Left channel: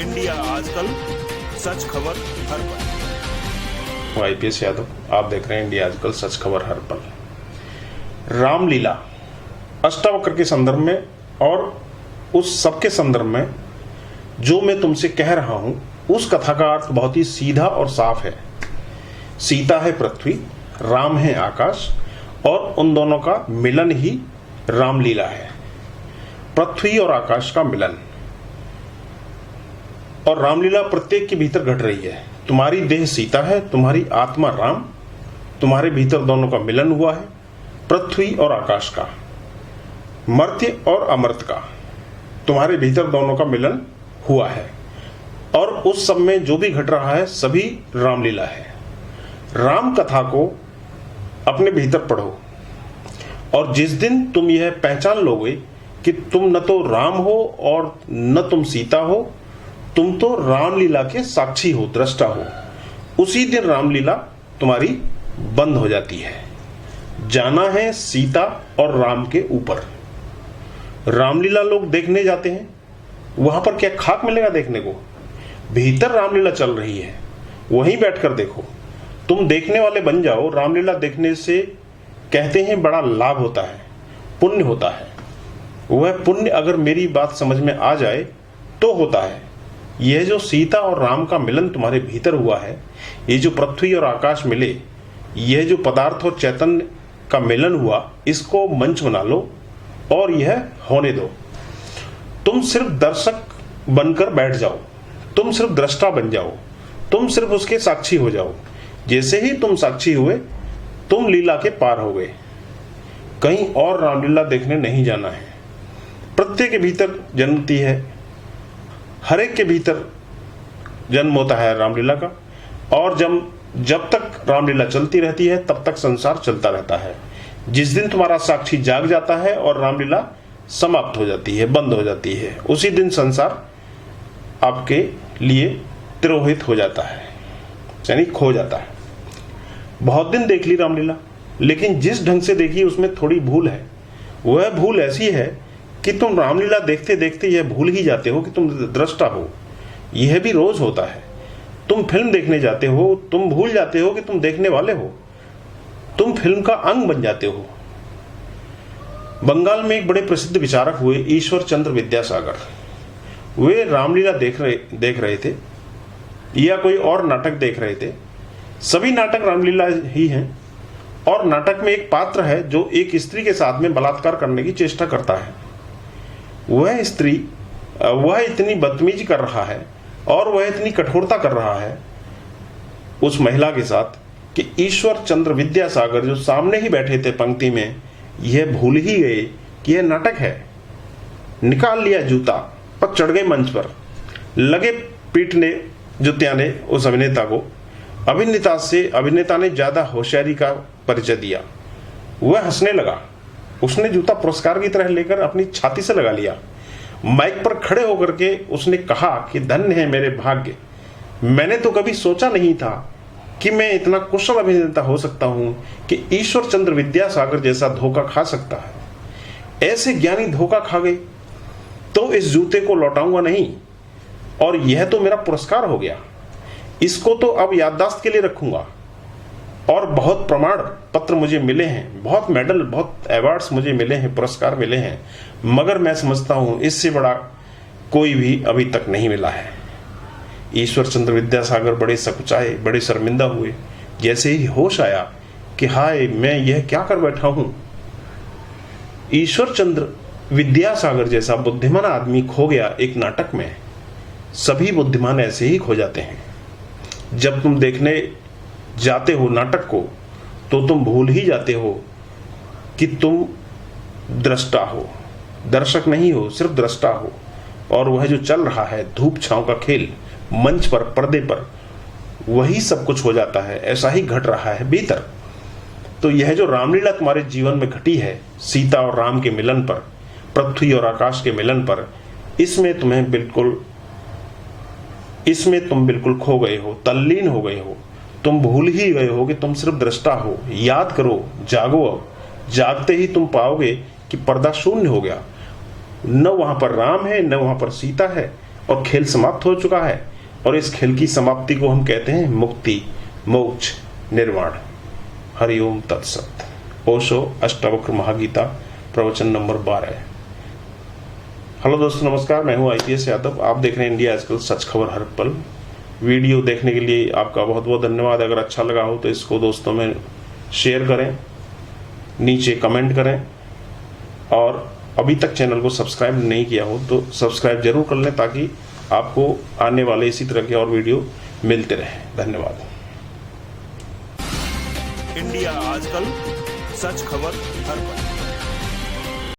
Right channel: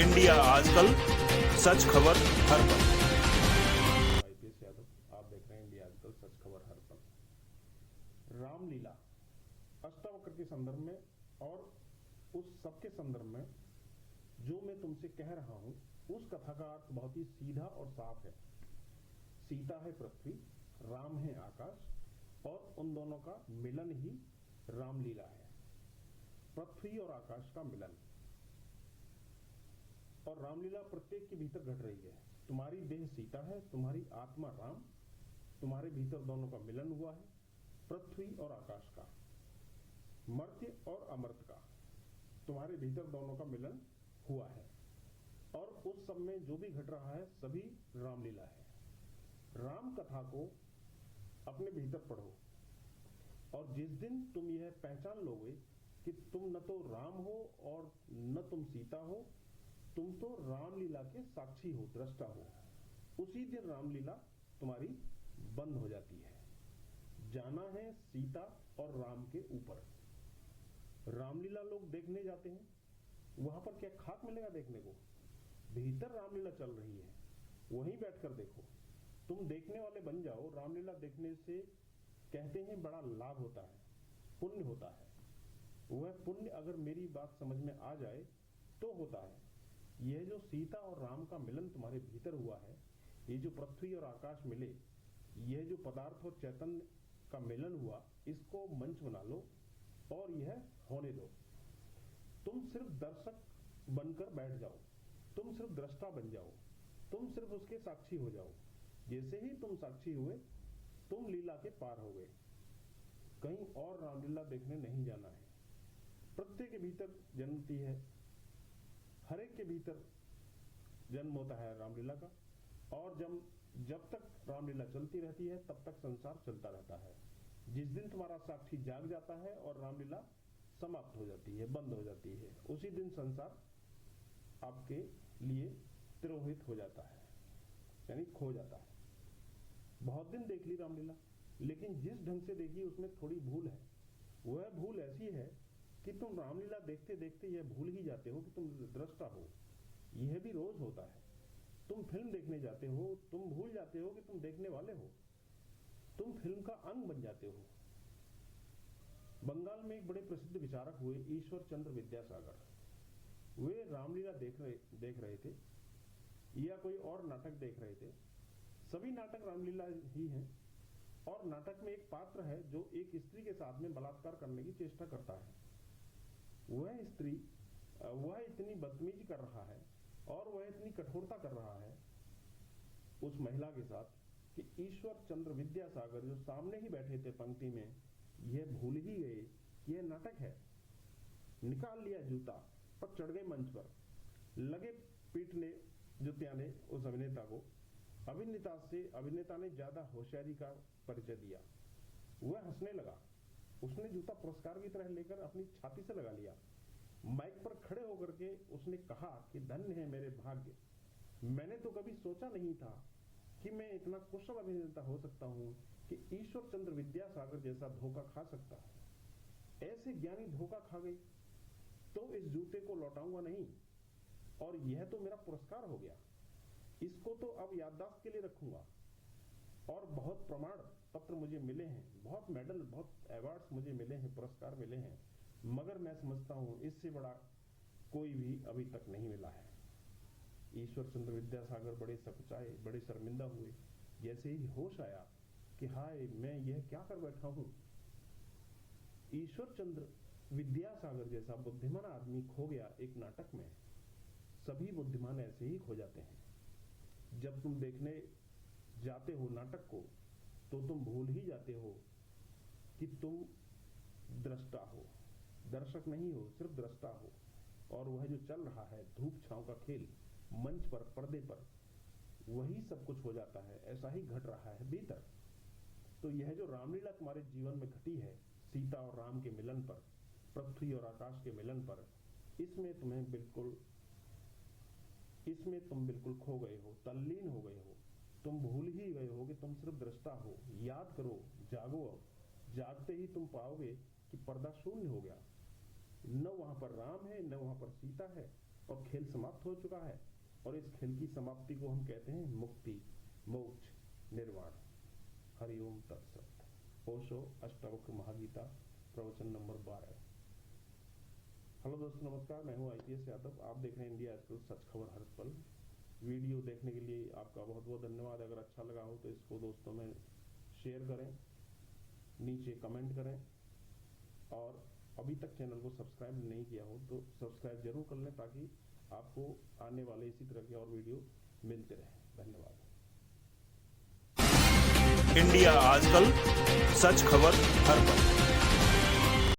India आजकल, सच खबर हर पल। आईपीएस यादव, आप देख रहे हैं इंडिया आजकल, सच खबर हर पल। रामलीला अष्टावक्र के संदर्भ में और उस सब के संदर्भ में जो मैं तुमसे कह रहा हूं, उस कथा का अर्थ बहुत ही सीधा और साफ है। सीता है पृथ्वी, राम है आकाश, और उन दोनों का मिलन ही रामलीला है। पृथ्वी और आकाश का मिलन, और रामलीला प्रत्येक के भीतर घट रही है। तुम्हारी देह सीता है, तुम्हारी आत्मा राम, तुम्हारे भीतर दोनों का मिलन हुआ है, पृथ्वी और आकाश का, मर्त्य और अमर्त्य का, तुम्हारे भीतर दोनों का मिलन हुआ है। और उस सब में जो भी घट रहा है सभी रामलीला है। राम कथा को अपने भीतर पढ़ो, और जिस दिन तुम यह पहचान लोगे कि तुम न तो राम हो और न तुम सीता हो, तुम तो रामलीला के साक्षी हो, दृष्टा हो, उसी दिन रामलीला तुम्हारी बंद हो जाती है। जाना है सीता और राम के ऊपर। रामलीला लोग देखने जाते हैं, वहां पर क्या खाक मिलेगा देखने को? भीतर रामलीला चल रही है, वहीं बैठकर देखो। तुम देखने वाले बन जाओ। रामलीला देखने से कहते हैं बड़ा लाभ होता है, पुण्य होता है। वह पुण्य अगर मेरी बात समझ में आ जाए तो होता है। यह जो सीता और राम का मिलन तुम्हारे भीतर हुआ है, ये जो पृथ्वी और आकाश मिले, यह जो पदार्थ और चैतन्य का मिलन हुआ, इसको मंच बना लो और यह होने दो। तुम सिर्फ दर्शक बनकर बैठ जाओ, तुम सिर्फ दृष्टा बन जाओ, तुम सिर्फ उसके साक्षी हो जाओ। जैसे ही तुम साक्षी हुए, तुम लीला के पार हो गए। कहीं और रामलीला देखने नहीं जाना है। प्रत्येक के भीतर जन्मती है, हर एक के भीतर जन्म होता है रामलीला का। और जब तक रामलीला चलती रहती है तब तक संसार चलता रहता है। जिस दिन तुम्हारा साक्षी जाग जाता है और रामलीला समाप्त हो जाती है, बंद हो जाती है, उसी दिन संसार आपके लिए तिरोहित हो जाता है, यानी खो जाता है। बहुत दिन देख ली रामलीला, लेकिन जिस ढंग से देखी उसमें थोड़ी भूल है। वह भूल ऐसी है कि तुम रामलीला देखते देखते यह भूल ही जाते हो कि तुम दृष्टा हो। यह भी रोज होता है। तुम फिल्म देखने जाते हो, तुम भूल जाते हो कि तुम देखने वाले हो। तुम फिल्म का अंग बन जाते हो। बंगाल में एक बड़े प्रसिद्ध विचारक हुए ईश्वर चंद्र विद्यासागर। वे रामलीला देख रहे थे या कोई और नाटक देख रहे थे। सभी नाटक रामलीला ही हैं। और नाटक में एक पात्र है जो एक स्त्री के साथ में बलात्कार करने की चेष्टा करता है। वह इतनी बदतमीजी कर रहा है और वह इतनी कठोरता कर रहा है उस महिला के साथ कि ईश्वर चंद्र विद्यासागर जो सामने ही बैठे थे पंक्ति में, यह भूल ही गए कि यह नाटक है। निकाल लिया जूता, पर चढ़ गए मंच पर, लगे पीटने जुत्याने उस अभिनेता को। अभिनेता ने ज्यादा होशियारी का परिचय दिया। वह हंसने लगा। उसने जूता पुरस्कार की तरह लेकर अपनी छाती से लगा लिया। माइक पर खड़े होकर के उसने कहा कि धन्य है मेरे भाग्य, मैंने तो कभी सोचा नहीं था कि मैं इतना कुशल अभिनेता हो सकता हूं कि ईश्वर चंद्र विद्यासागर जैसा धोखा खा सकता है। ऐसे ज्ञानी धोखा खा गए तो इस जूते को लौटाऊंगा नहीं, और यह तो मेरा पुरस्कार हो गया। इसको तो अब याददाश्त के लिए रखूंगा। और बहुत प्रमाण पत्र मुझे मिले हैं, बहुत मेडल, बहुत अवार्ड्स मुझे मिले हैं, पुरस्कार मिले हैं, मगर मैं समझता हूं इससे बड़ा कोई भी अभी तक नहीं मिला है। ईश्वर चंद्र विद्यासागर बड़े सकुचाए, बड़े शर्मिंदा हुए। जैसे ही होश आया कि हाय, मैं यह क्या कर बैठा हूं। ईश्वर चंद्र विद्यासागर जैसा बुद्धिमान आदमी खो गया एक नाटक में। सभी बुद्धिमान ऐसे ही खो जाते हैं। जब तुम देखने जाते हो नाटक को, तो तुम भूल ही जाते हो कि तुम दृष्टा हो, दर्शक नहीं हो, सिर्फ दृष्टा हो। और वह जो चल रहा है धूप छांव का खेल, मंच पर, पर्दे पर, वही सब कुछ हो जाता है। ऐसा ही घट रहा है भीतर। तो यह जो रामलीला तुम्हारे जीवन में घटी है, सीता और राम के मिलन पर, पृथ्वी और आकाश के मिलन पर, इसमें तुम बिल्कुल खो गए हो, तल्लीन हो गए हो। तुम भूल ही गए हो कि तुम सिर्फ दृष्टा हो। याद करो, जागो। अब जागते ही तुम पाओगे कि पर्दा शून्य हो गया। न वहां पर राम है, न वहां पर सीता है, और खेल समाप्त हो चुका है, और इस खेल की समाप्ति को हम कहते हैं मुक्ति, मोक्ष, निर्वाण। हरिओम तत्सत। ओशो अष्टावक्र महागीता, प्रवचन नंबर 12। हेलो दोस्तों, नमस्कार। मैं हूं IPS यादव। आप देख रहे हैं इंडिया आजकल, सच खबर हर पल। वीडियो देखने के लिए आपका बहुत बहुत धन्यवाद। अगर अच्छा लगा हो तो इसको दोस्तों में शेयर करें, नीचे कमेंट करें, और अभी तक चैनल को सब्सक्राइब नहीं किया हो तो सब्सक्राइब जरूर कर लें, ताकि आपको आने वाले इसी तरह के और वीडियो मिलते रहे। धन्यवाद। इंडिया आजकल, सच खबर हर पल।